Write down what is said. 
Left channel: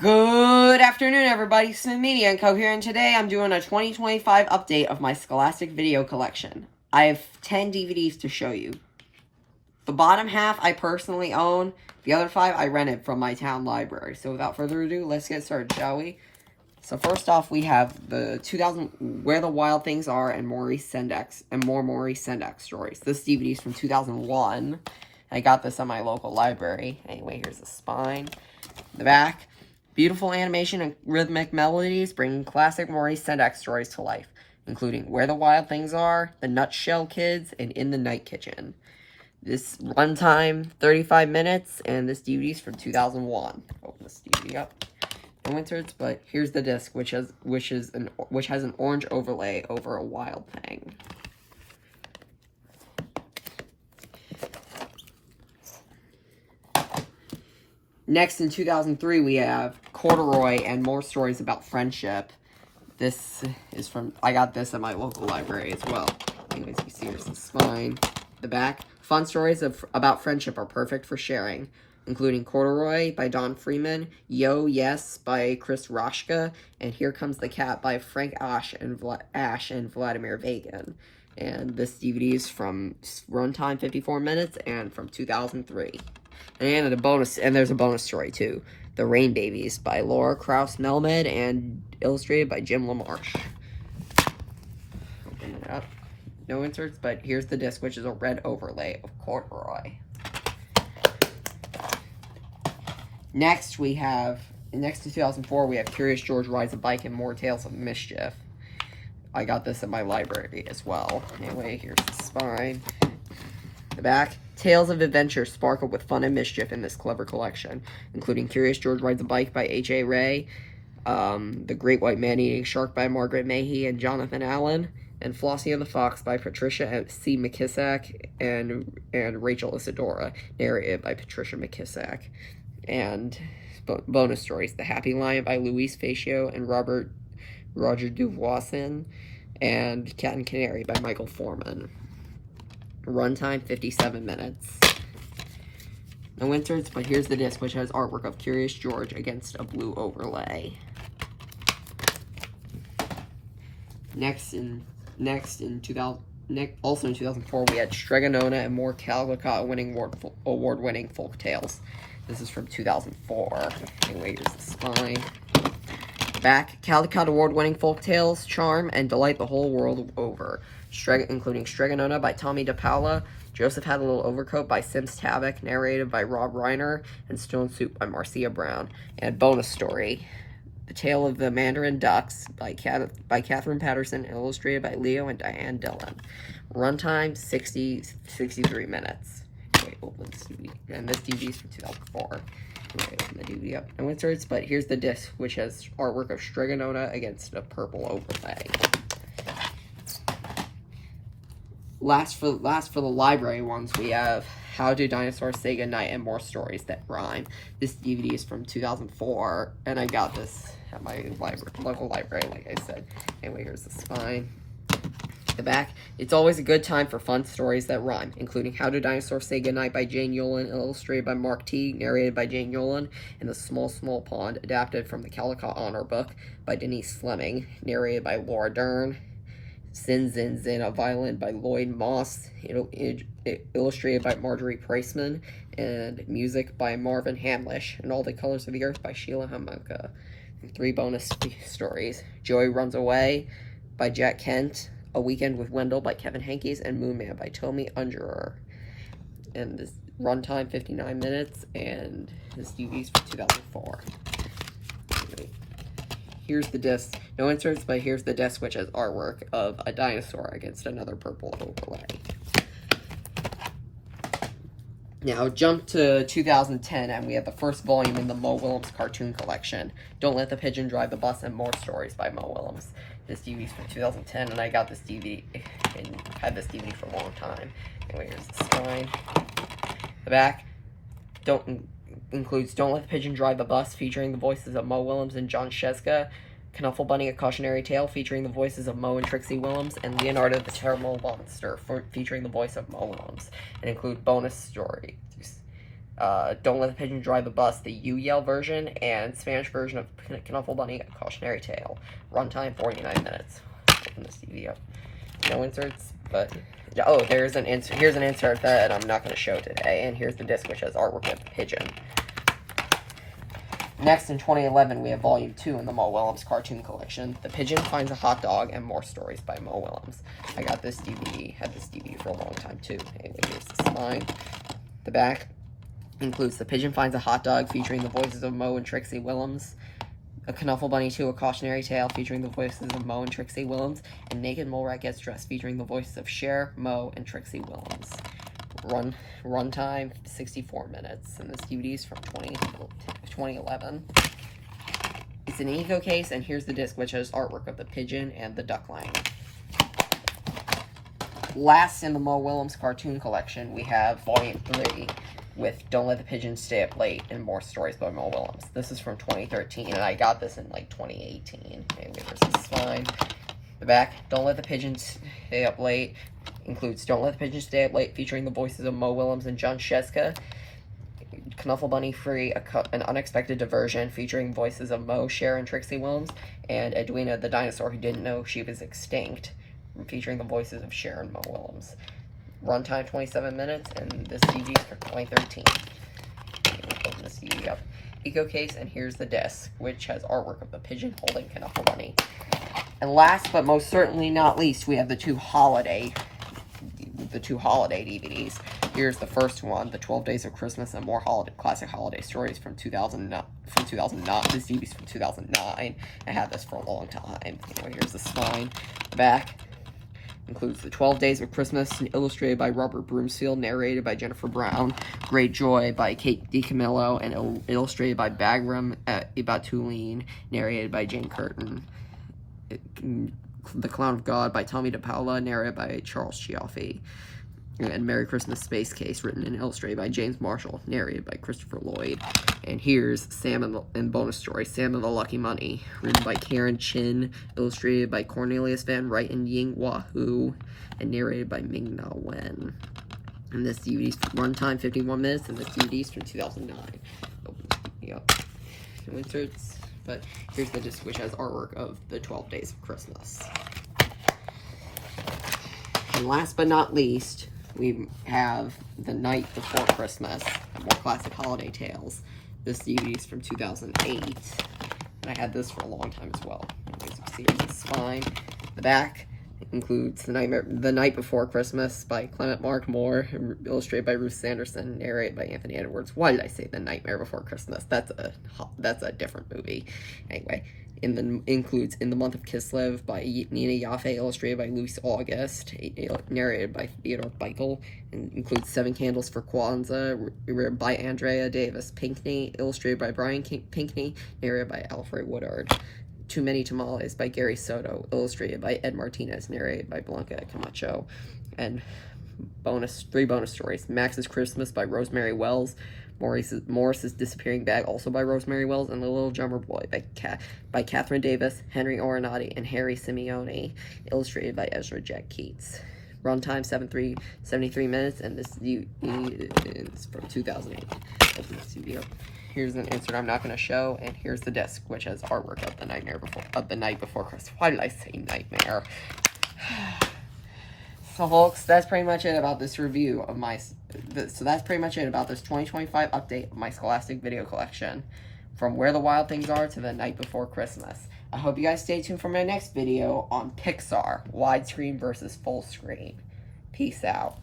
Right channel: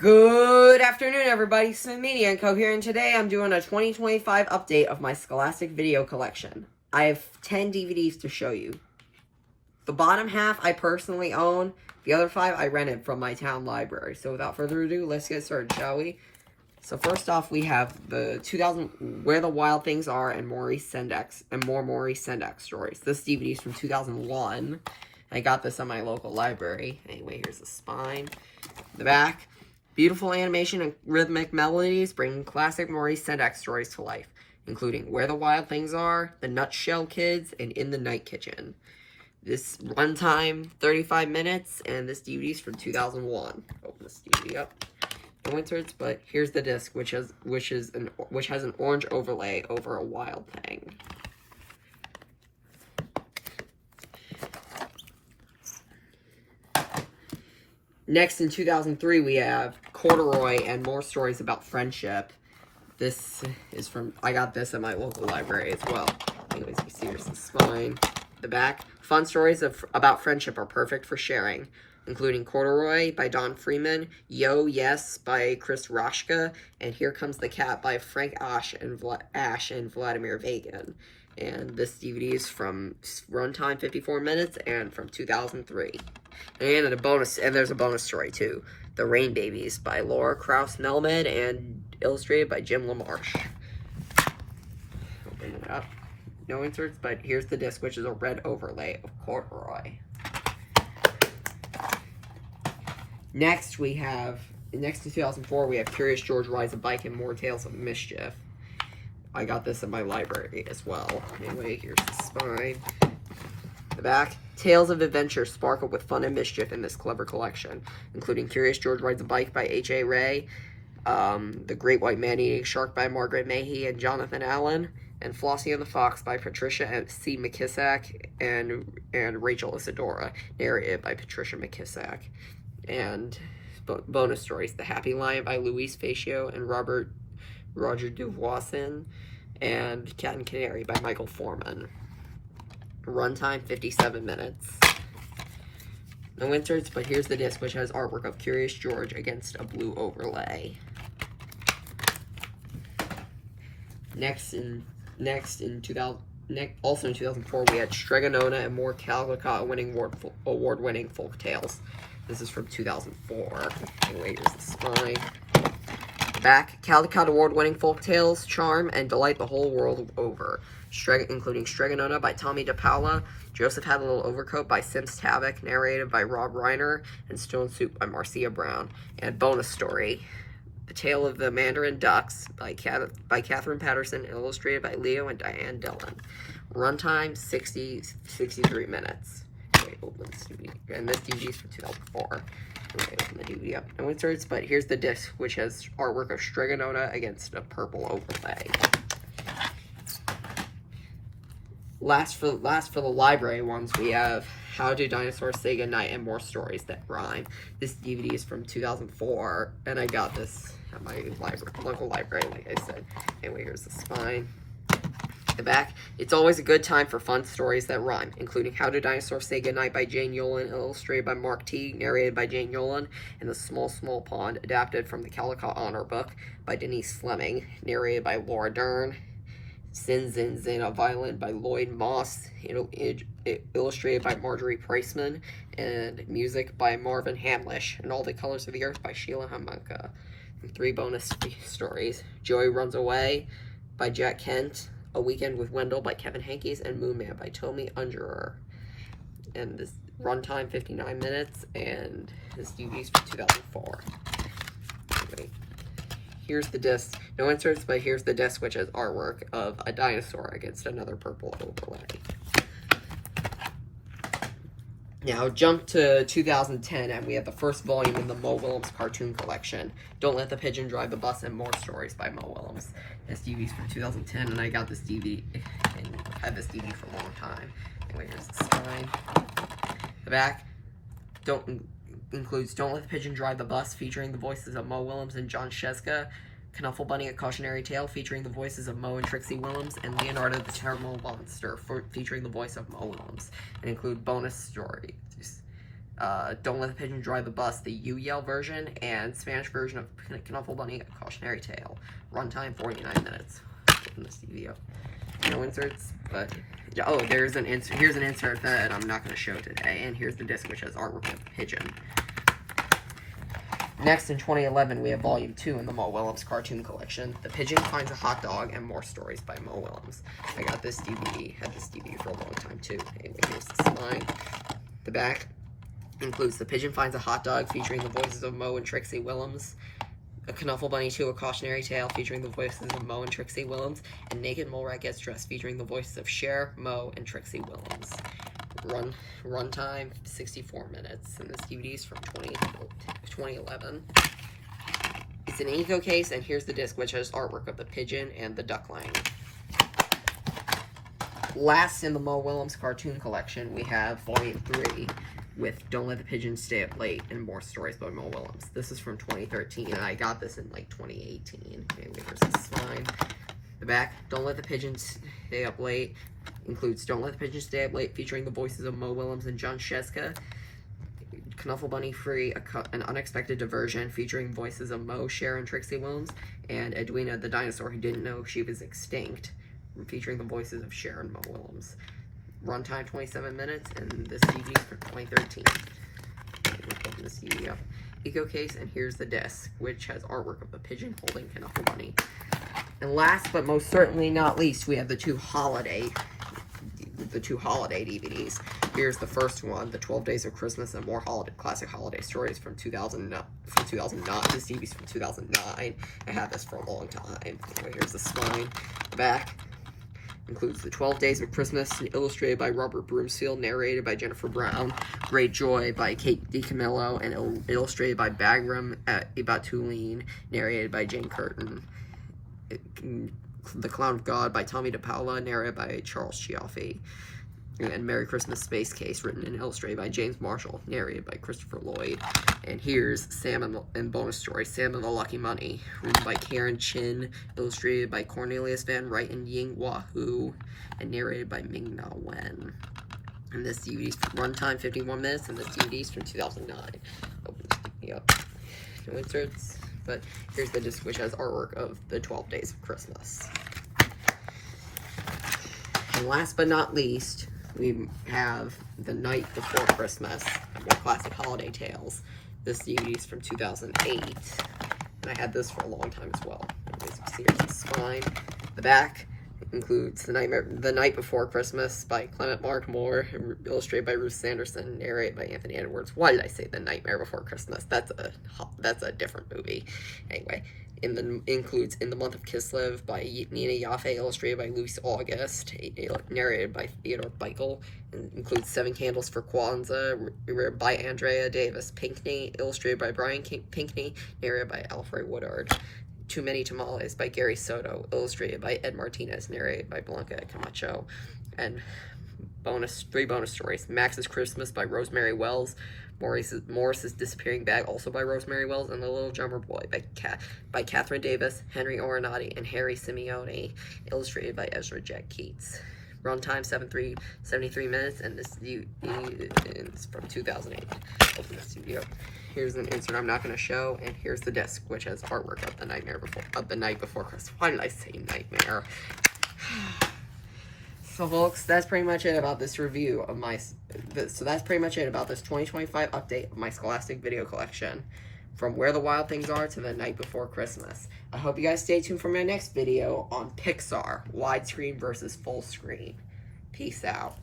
Good afternoon, everybody. Smith Media & Co. here, and today I'm doing a 2025 update of my Scholastic Video Collection. I have 10 DVDs to show you. The bottom half I personally own. The other 5 I rented from my town library. So without further ado, let's get started, shall we? So first off, we have the 2000 Where the Wild Things Are and Maurice Sendak and more Maurice Sendak stories. This DVD is from 2001. I got this at my local library. Anyway, here's the spine. The back. Beautiful animation and rhythmic melodies bringing classic Maurice Sendak stories to life, including Where the Wild Things Are, The Nutshell Kids, and In the Night Kitchen. This runtime 35 minutes, and this DVD is from 2001. Open this DVD up. No inserts, but here's the disc, which has an orange overlay over a wild thing. Next, in 2003, we have Corduroy and More Stories About Friendship. This is from, I got this at my local library as well. Anyways, you see here's the spine. The back. Fun stories about friendship are perfect for sharing, including Corduroy by Don Freeman, Yo Yes by Chris Roshka, and Here Comes the Cat by Frank Ash and Vladimir Vagan. And this DVD is from runtime 54 minutes and from 2003. And there's a bonus story too. The Rain Babies by Laura Krauss Melman and illustrated by Jim LaMarche. Open it up. No inserts, but here's the disc, which is a red overlay of Corduroy. Next in 2004, we have Curious George Rides a Bike and More Tales of Mischief. I got this at my library as well. Anyway, here's the spine. The back. Tales of adventure sparkle with fun and mischief in this clever collection, including Curious George Rides a Bike by H.A. Ray, The Great White Man-Eating Shark by Margaret Mahy and Jonathan Allen, and Flossie and the Fox by Patricia C. McKissack and Rachel Isadora, narrated by Patricia McKissack. And bonus stories, The Happy Lion by Louise Facio and Roger Duvoisin, and Cat and Canary by Michael Foreman. Runtime 57 minutes. No inserts, but here's the disc, which has artwork of Curious George against a blue overlay. Also in 2004, we had Stregonona and More Caldecott award-winning folk tales. This is from 2004. Anyway, here's the spine. Back, Caldecott award-winning folk tales charm and delight the whole world over, including Stregonona by Tommy DePaula, Joseph Had a Little Overcoat by Sims Tabak, narrated by Rob Reiner, and Stone Soup by Marcia Brown. And bonus story, The Tale of the Mandarin Ducks by Catherine Patterson, illustrated by Leo and Diane Dillon. Runtime 63 minutes. Okay, open this DVD. And this DVD is from 2004. Open the DVD up. No inserts, but here's the disc, which has artwork of Stregonona against a purple overlay. Last for the library ones, we have How Do Dinosaurs Say Goodnight and More Stories That Rhyme. This DVD is from 2004, and I got this at my local library, like I said. Anyway, here's the spine. The back. It's always a good time for fun stories that rhyme, including How Do Dinosaurs Say Goodnight by Jane Yolen, illustrated by Mark T., narrated by Jane Yolen, and The Small Small Pond, adapted from the Caldecott Honor Book by Denise Fleming, narrated by Laura Dern. Zin Zin Zin, a Violin by Lloyd Moss, illustrated by Marjorie Priceman, and music by Marvin Hamlish, and All the Colors of the Earth by Sheila Hamanka. 3 bonus stories, Joey Runs Away by Jack Kent, A Weekend with Wendell by Kevin Hankes, and Moon Man by Tommy Ungerer. And this runtime 59 minutes, and this DVD is from 2004. Here's the disc. No inserts, but here's the disc, which has artwork of a dinosaur against another purple overlay. Now, jump to 2010, and we have the first volume in the Mo Willems cartoon collection. Don't Let the Pigeon Drive the Bus and More Stories by Mo Willems. This DVD is from 2010, and I got this DVD and had this DVD for a long time. Anyway, here's the spine. The back includes Don't Let the Pigeon Drive the Bus, featuring the voices of Mo Willems and John Sheska, Knuffle Bunny, A Cautionary Tale, featuring the voices of Mo and Trixie Willems, and Leonardo the Terrible Monster, featuring the voice of Mo Willems, and include bonus stories. Don't Let the Pigeon Drive the Bus, the You Yell version, and Spanish version of Knuffle Bunny, A Cautionary Tale. Runtime 49 minutes. Open this DVD up. No inserts, but oh, there's an insert. Here's an insert that I'm not going to show today, and here's the disc which has artwork of the pigeon. Next, in 2011, we have Volume 2 in the Mo Willems Cartoon Collection, The Pigeon Finds a Hot Dog and More Stories by Mo Willems. I got this DVD, had this DVD for a long time too. Anyway, here's the spine. The back includes The Pigeon Finds a Hot Dog, featuring the voices of Mo and Trixie Willems, A Knuffle Bunny 2, A Cautionary Tale, featuring the voices of Mo and Trixie Willems, and Naked Mole Rat Gets Dressed, featuring the voices of Cher, Mo, and Trixie Willems. Runtime 64 minutes, and this DVD is from 2011. It's an Eco case, and here's the disc, which has artwork of the pigeon and the duckling. Last in the Mo Willems Cartoon Collection, we have Volume 3 with Don't Let the Pigeon Stay Up Late and More Stories by Mo Willems. This is from 2013, and I got this in like 2018. Anyway, here's the spine. The back, Don't Let the Pigeon Stay Up Late, includes Don't Let the Pigeon Stay Up Late, featuring the voices of Mo Willems and John Sheska. Knuffle Bunny Free, An Unexpected Diversion, featuring voices of Mo, Cher, and Trixie Willems, and Edwina the Dinosaur Who Didn't Know She Was Extinct, featuring the voices of Cher and Mo Willems. Runtime 27 minutes, and this DVD is from 2013. Open this DVD up. Eco case, and here's the disc, which has artwork of the pigeon holding Knuffle Bunny. And last but most certainly not least, we have the two holiday DVDs. Here's the first one, The 12 Days of Christmas and More Classic Holiday Stories from 2009. This DVD's from 2009. I had this for a long time. Here's the spine. The back includes The 12 Days of Christmas, illustrated by Robert Broomfield, narrated by Jennifer Brown. Great Joy by Kate DiCamillo, and illustrated by Bagram Ibatulin, narrated by Jane Curtin. The Clown of God by Tommy DePaola, narrated by Charles Chiaffi. And Merry Christmas Space Case, written and illustrated by James Marshall, narrated by Christopher Lloyd. And here's Sam and Bonus Story, Sam and the Lucky Money, written by Karen Chin, illustrated by Cornelius Van Wright and Ying Wahoo, and narrated by Ming Na Wen. And this DVD's runtime 51 minutes, and this DVD's from 2009. Open this DVD up. No inserts. But here's the disc, which has artwork of the 12 Days of Christmas. And last but not least, we have The Night Before Christmas, and More Classic Holiday Tales. This DVD is from 2008, and I had this for a long time as well. Here's the spine. The back includes The Night Before Christmas by Clement Mark Moore, illustrated by Ruth Sanderson, narrated by Anthony Edwards. Why did I say The Nightmare Before Christmas? That's a different movie. Anyway, includes In the Month of Kislev by Nina Yaffe, illustrated by Luis August, narrated by Theodore Michael, and includes Seven Candles for Kwanzaa by Andrea Davis Pinkney, illustrated by Brian Pinkney, narrated by Alfred Woodard. Too Many Tamales by Gary Soto, illustrated by Ed Martinez, narrated by Blanca Camacho. And three bonus stories. Max's Christmas by Rosemary Wells, Morris's Disappearing Bag, also by Rosemary Wells, and The Little Drummer Boy by Catherine Davis, Henry Oronati, and Harry Simeone, illustrated by Ezra Jack Keats. Runtime 73 minutes, and this is from 2008. Open the studio. Here's an insert I'm not going to show, and here's the disc, which has artwork of The Night Before Christmas. Why did I say nightmare? So, folks, that's pretty much it about this review of that's pretty much it about this 2025 update of my Scholastic Video Collection, from Where the Wild Things Are to The Night Before Christmas. I hope you guys stay tuned for my next video on Pixar, widescreen versus full screen. Peace out.